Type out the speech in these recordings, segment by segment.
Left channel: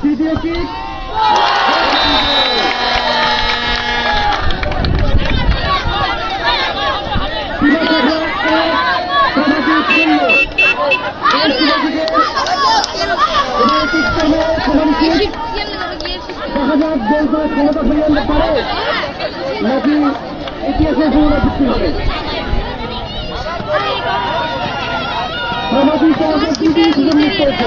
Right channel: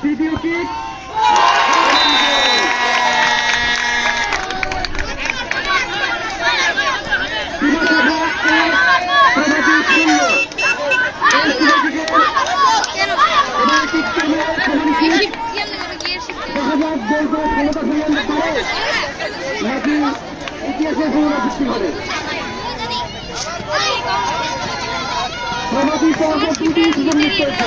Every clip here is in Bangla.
তৃতীয় কিক দেখা যাক গোল ক্ষমতা পারে নাকি ইতিহাসের পুনরাবৃত্তি সমাধি সহজে তৃতীয় সুযোগ মিস করেছে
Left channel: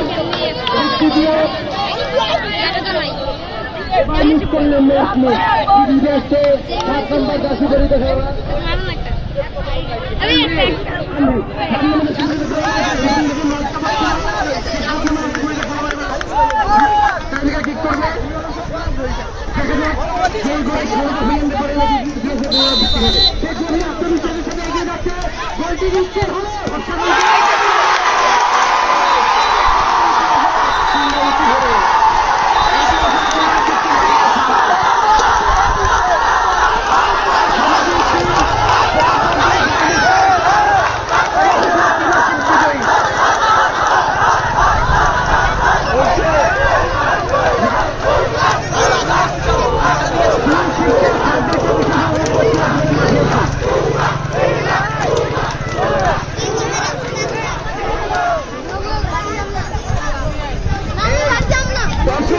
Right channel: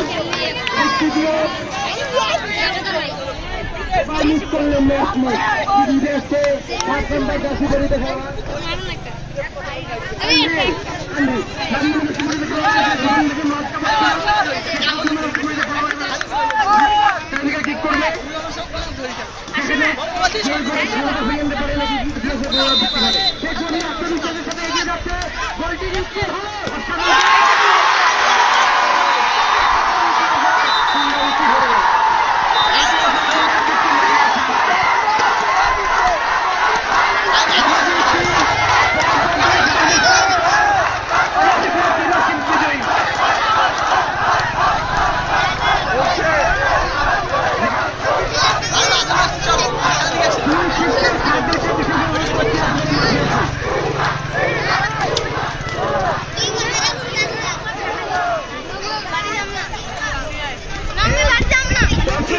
মিস করলেন ম্যাচ তৃতীয় হচ্ছে সাত সেখানে গোল করে হবে সেই জন্য আত্মবিশ্বাসের